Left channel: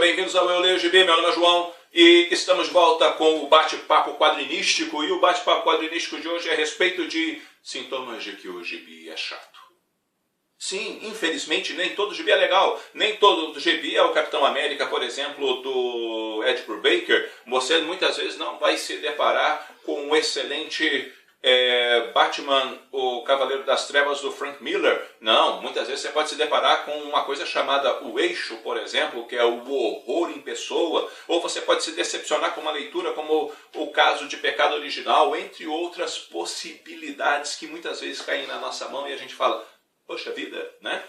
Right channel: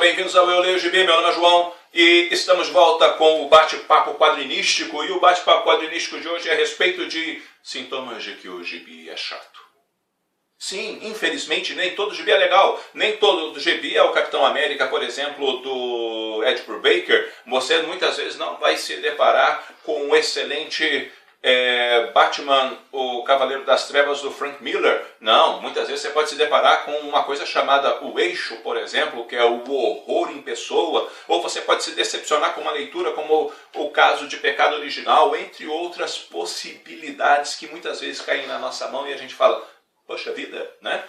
Sejam bem-vindos ao Eu Leio Gibi, meu nome é João e estamos de volta com o bate-papo quadrinístico. E o bate-papo quadrinístico de hoje é a respeito de sintomas de que o gibi é chato. Sim, infelizmente nem todo gibi é legal, nem todo gibi é o Capitão América, por exemplo, do Ed Brubaker. Você muitas vezes não vai se deparar com um excelente Batman, o Cavaleiro das Trevas do Frank Miller. Não, muitas vezes você pode se deparar com uma coisa chamada O Eixo, por exemplo, que é o horror em pessoa, ou você pode se decepcionar com uma leitura como o caso de Pecado Original, entre outras possibilidades que muitas vezes caem na nossa mão e a gente fala, poxa vida, né?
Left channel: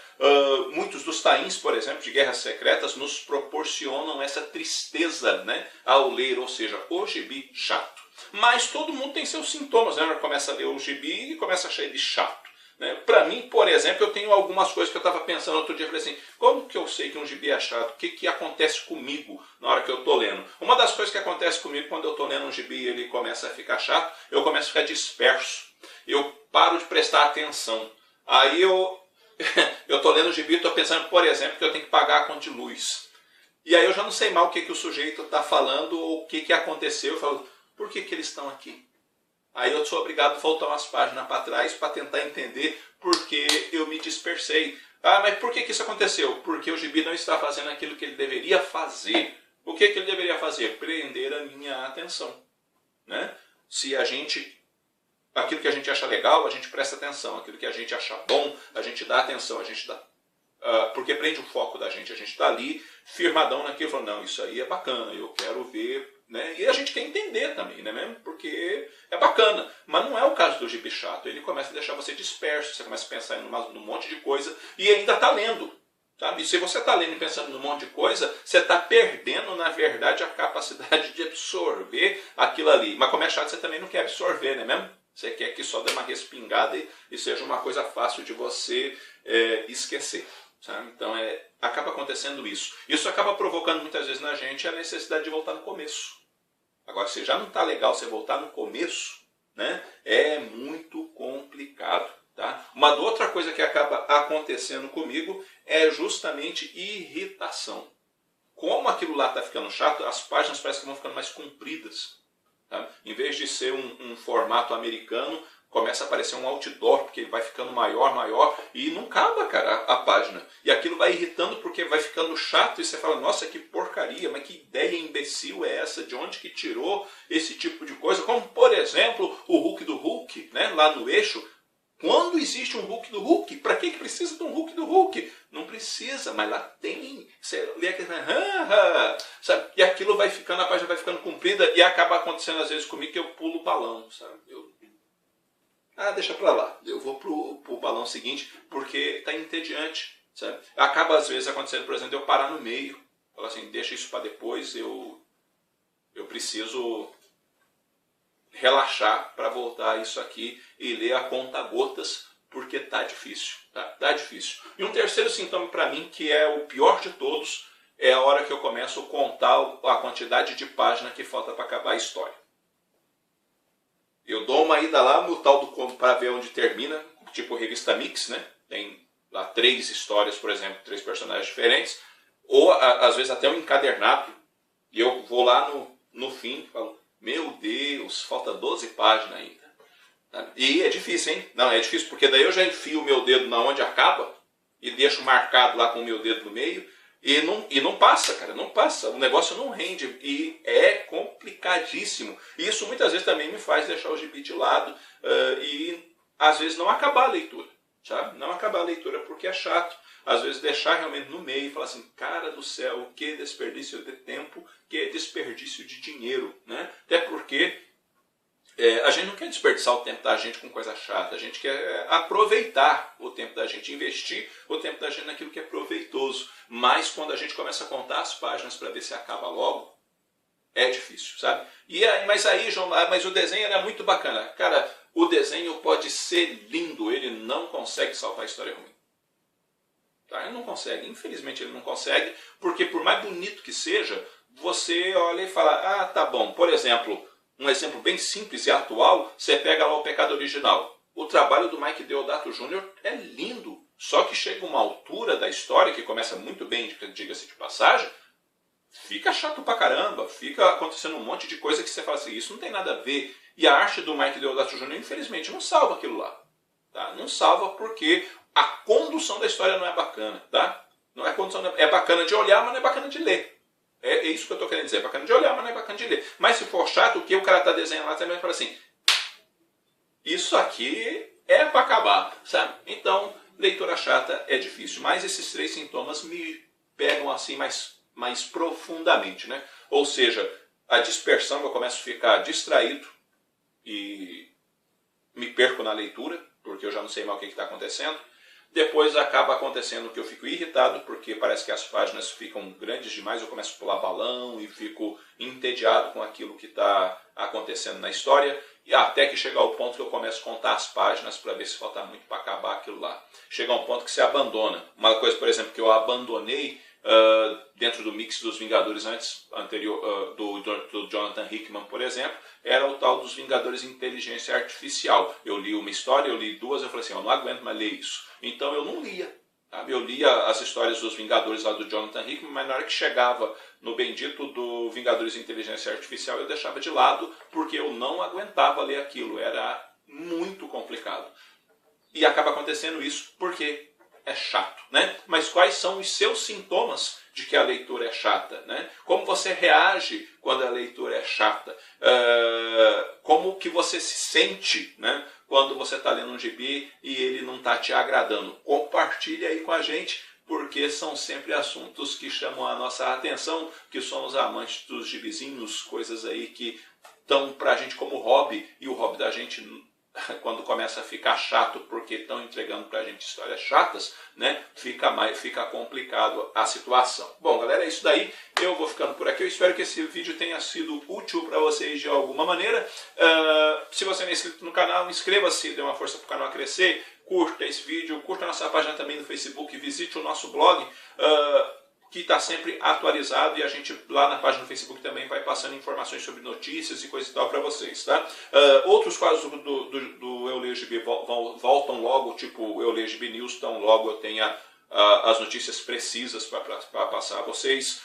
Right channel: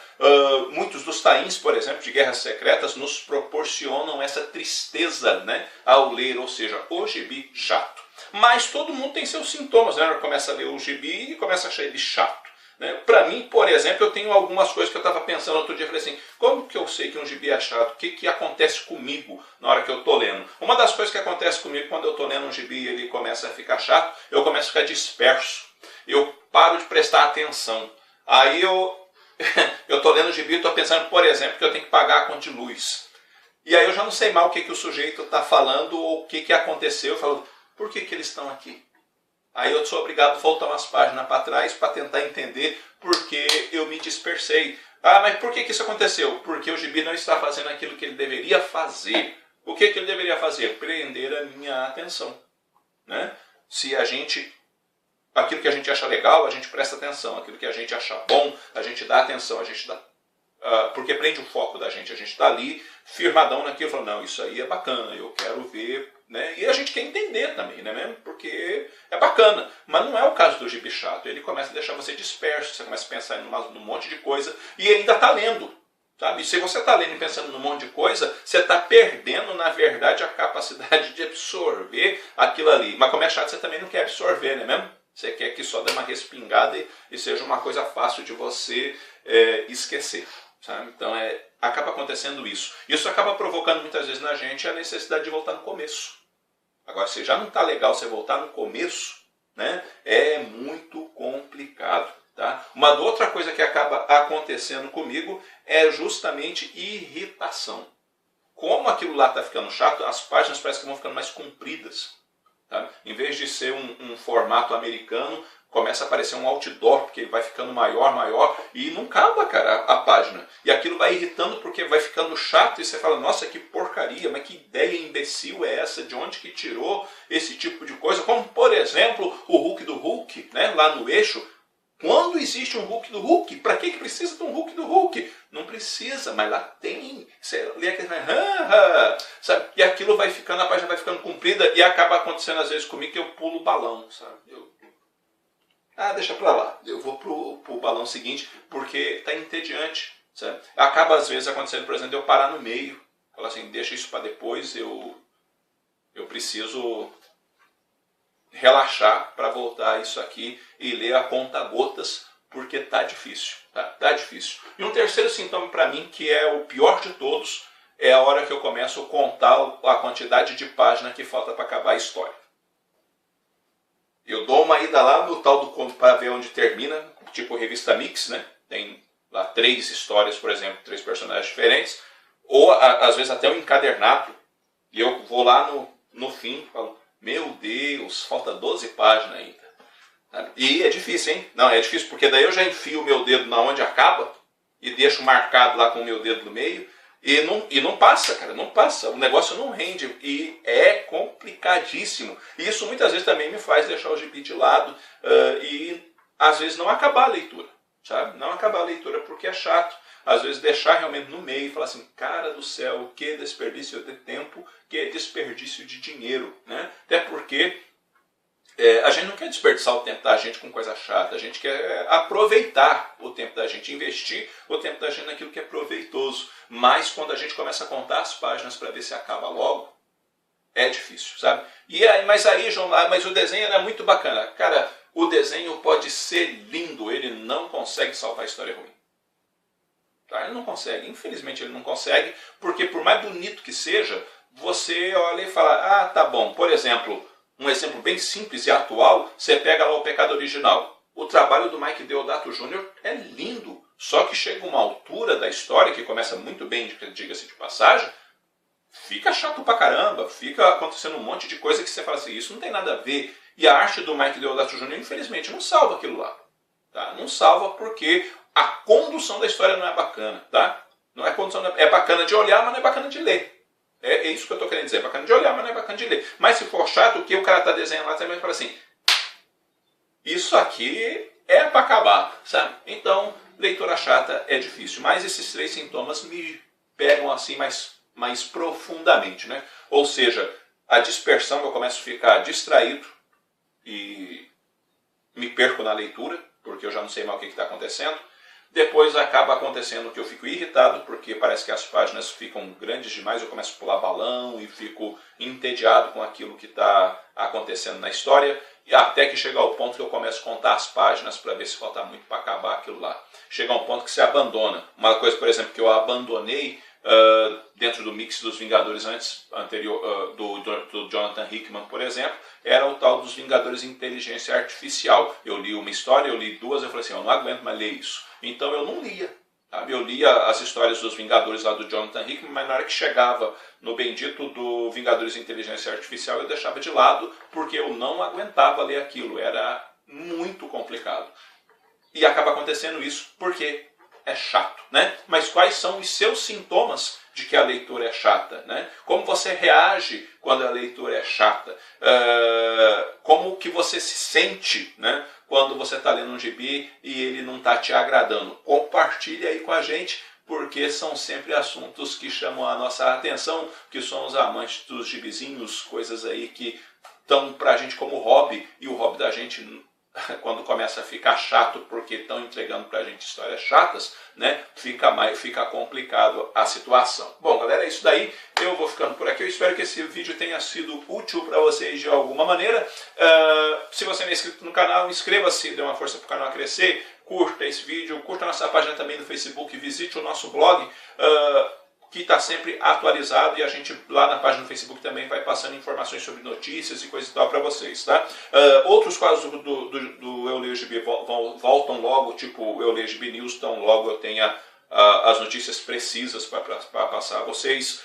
Muitos dos tains, por exemplo, de Guerras Secretas nos proporcionam essa tristeza, né, ao ler, ou seja, o gibi chato. Mas todo mundo tem seus sintomas, né? Começa a ler o gibi e começa a achar ele chato, né? Para mim, por exemplo, eu tenho algumas coisas que eu estava pensando outro dia. Eu falei assim, como que eu sei que um gibi é chato? O que acontece comigo na hora que eu estou lendo? Uma das coisas que acontece comigo quando eu estou lendo um gibi e ele começa a ficar chato, eu começo a ficar disperso. Eu paro de prestar atenção. Aí eu estou lendo o gibi e estou pensando, por exemplo, que eu tenho que pagar a conta de luz. E aí eu já não sei mal o que o sujeito está falando ou o que aconteceu. Eu falo, por que eles estão aqui? Aí eu sou obrigado a voltar umas páginas para trás para tentar entender por que eu me dispersei. Ah, mas por que isso aconteceu? Porque o gibi não está fazendo aquilo que ele deveria fazer. O que ele deveria fazer? Prender a minha atenção, né? Se a gente... Aquilo que a gente acha legal, a gente presta atenção. Aquilo que a gente acha bom, a gente dá atenção. A gente dá... porque prende o foco da gente. A gente está ali firmadão naquilo, falando, não, isso aí é bacana, eu quero ver, né? E a gente quer entender também, né, mesmo? Porque é bacana. Mas não é o caso do gibi chato. Ele começa a deixar você disperso, você começa a pensar num monte de coisa e ainda está lendo. Sabe? Se você está lendo e pensando num monte de coisa, você está perdendo, na verdade, a capacidade de absorver aquilo ali. Mas como é chato, você também não quer absorver, né mesmo? Você quer que só dê uma respingada e seja uma coisa fácil de você esquecer. Sabe? Então acaba acontecendo isso. Isso acaba provocando muitas vezes na gente a necessidade de voltar no começo. Agora, se já não está legal você voltar no começo, né, é muito complicado. Tá? Uma outra coisa que acaba acontecendo comigo é justamente irritação. Como aquilo lá está ficando chato, as páginas parecem que vão ficando mais compridas. Tá? Em vez de ser um formato americano, começa a aparecer um outdoor, porque ele vai ficando maior, e não acaba, cara, a página. E aquilo vai irritando porque vai ficando chato, e você fala, nossa, que porcaria, mas que ideia imbecil é essa? De onde que tirou esse tipo de coisa? Como, por exemplo, o Hulk do Hulk, né, lá no Eixo. Quando existe um Hulk do Hulk? Para que precisa de um Hulk do Hulk? Não precisa, mas lá tem. Você lê aquele... sabe? E aquilo vai ficando, a página vai ficando comprida e acaba acontecendo às vezes comigo que eu pulo o balão, sabe? Deixa pra lá. Eu vou pro balão seguinte porque tá entediante, sabe? Acaba às vezes acontecendo, por exemplo, de eu parar no meio. Falar assim, deixa isso para depois, eu preciso relaxar para voltar a isso aqui e ler a conta-gotas, porque tá difícil, tá difícil. E um terceiro sintoma para mim, que é o pior de todos, é a hora que eu começo a contar a quantidade de páginas que falta para acabar a história. Eu dou uma ida lá no tal do para ver onde termina, tipo revista Mix, né? Tem lá 3 histórias, por exemplo, 3 personagens diferentes, ou às vezes até um encadernado, e eu vou lá no fim e falo, meu Deus, falta 12 páginas ainda. E é difícil, hein? Não, é difícil, porque daí eu já enfio o meu dedo na onde acaba e deixo marcado lá com o meu dedo no meio e não passa, cara, não passa. O negócio não rende e é complicadíssimo. E isso muitas vezes também me faz deixar o gibi de lado e às vezes não acabar a leitura, sabe? Não acabar a leitura porque é chato. Às vezes deixar realmente no meio e falar assim, cara do céu, que desperdício de tempo, que desperdício de dinheiro, né? Até porque a gente não quer desperdiçar o tempo da gente com coisa chata, a gente quer aproveitar o tempo da gente, investir o tempo da gente naquilo que é proveitoso. Mas quando a gente começa a contar as páginas para ver se acaba logo, é difícil, sabe? Mas aí, João, mas o desenho era muito bacana. Cara, o desenho pode ser lindo, ele não consegue salvar a história ruim. Tá? Ele não consegue, infelizmente ele não consegue, porque por mais bonito que seja, você olha e fala, tá bom, por exemplo, um exemplo bem simples e atual, você pega lá o Pecado Original. O trabalho do Mike Deodato Jr. é lindo, só que chega uma altura da história, que começa muito bem, diga-se de passagem, fica chato pra caramba, fica acontecendo um monte de coisa que você fala assim, isso não tem nada a ver. E a arte do Mike Deodato Jr., infelizmente, não salva aquilo lá. Tá? Não salva porque a condução da história não é bacana. Tá? Não é condução, é bacana de olhar, mas não é bacana de ler. É isso que eu estou querendo dizer. É bacana de olhar, mas não é bacana de ler. Mas se for chato, o que o cara está desenhando lá também fala assim, isso aqui é para acabar, sabe? Então, leitura chata é difícil. Mas esses 3 sintomas me pegam assim mais profundamente, né? Ou seja, a dispersão, eu começo a ficar distraído e me perco na leitura, porque eu já não sei mais o que está acontecendo. Depois acaba acontecendo que eu fico irritado, porque parece que as páginas ficam grandes demais, eu começo a pular balão e fico entediado com aquilo que está acontecendo na história, e até que chega ao ponto que eu começo a contar as páginas para ver se falta muito para acabar aquilo lá. Chega a um ponto que você abandona. Uma coisa, por exemplo, que eu abandonei dentro do mix dos Vingadores anterior, do Jonathan Hickman, por exemplo, era o tal dos Vingadores Inteligência Artificial. Eu li uma história, eu li 2, eu falei assim, eu não aguento mais ler isso. Então eu não lia. Sabe? Eu lia as histórias dos Vingadores lá do Jonathan Hickman, mas na hora que chegava no bendito do Vingadores Inteligência Artificial, eu deixava de lado, porque eu não aguentava ler aquilo. Era muito complicado. E acaba acontecendo isso porque é chato, né? Mas quais são os seus sintomas de que a leitura é chata, né? Como você reage quando a leitura é chata? Como que você se sente, né, quando você está lendo um gibi e ele não está te agradando? Compartilhe aí com a gente, porque são sempre assuntos que chamam a nossa atenção, que somos amantes dos gibizinhos, coisas aí que estão pra gente como hobby, e o hobby da gente, quando começa a ficar chato porque estão entregando pra gente histórias chatas, né, fica complicado a situação. Bom, galera, é isso daí. Eu vou ficando por aqui. Eu espero que esse vídeo tenha sido útil para vocês de alguma maneira. Se você não é inscrito no canal, inscreva-se, dê uma força para o canal crescer. Curta esse vídeo, curta a nossa página também no Facebook, visite o nosso blog, que está sempre atualizado, e a gente lá na página do Facebook também vai passando informações sobre notícias e coisa e tal para vocês, tá? Outros quadros do Eu Leio GB voltam logo, tipo Eu Leio GB News, então logo eu tenha as notícias precisas para passar a vocês.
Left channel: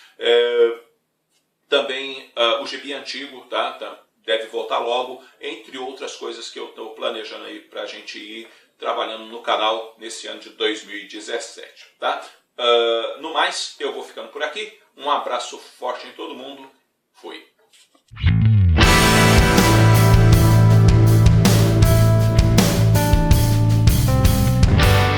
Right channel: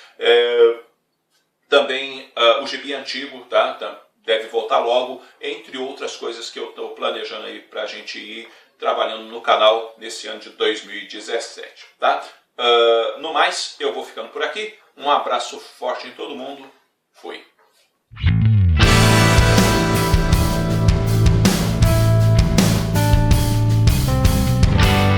Também o GB antigo, tá? Deve voltar logo, entre outras coisas que eu estou planejando aí para a gente ir trabalhando no canal nesse ano de 2017, tá? No mais, eu vou ficando por aqui. Um abraço forte em todo mundo. Fui.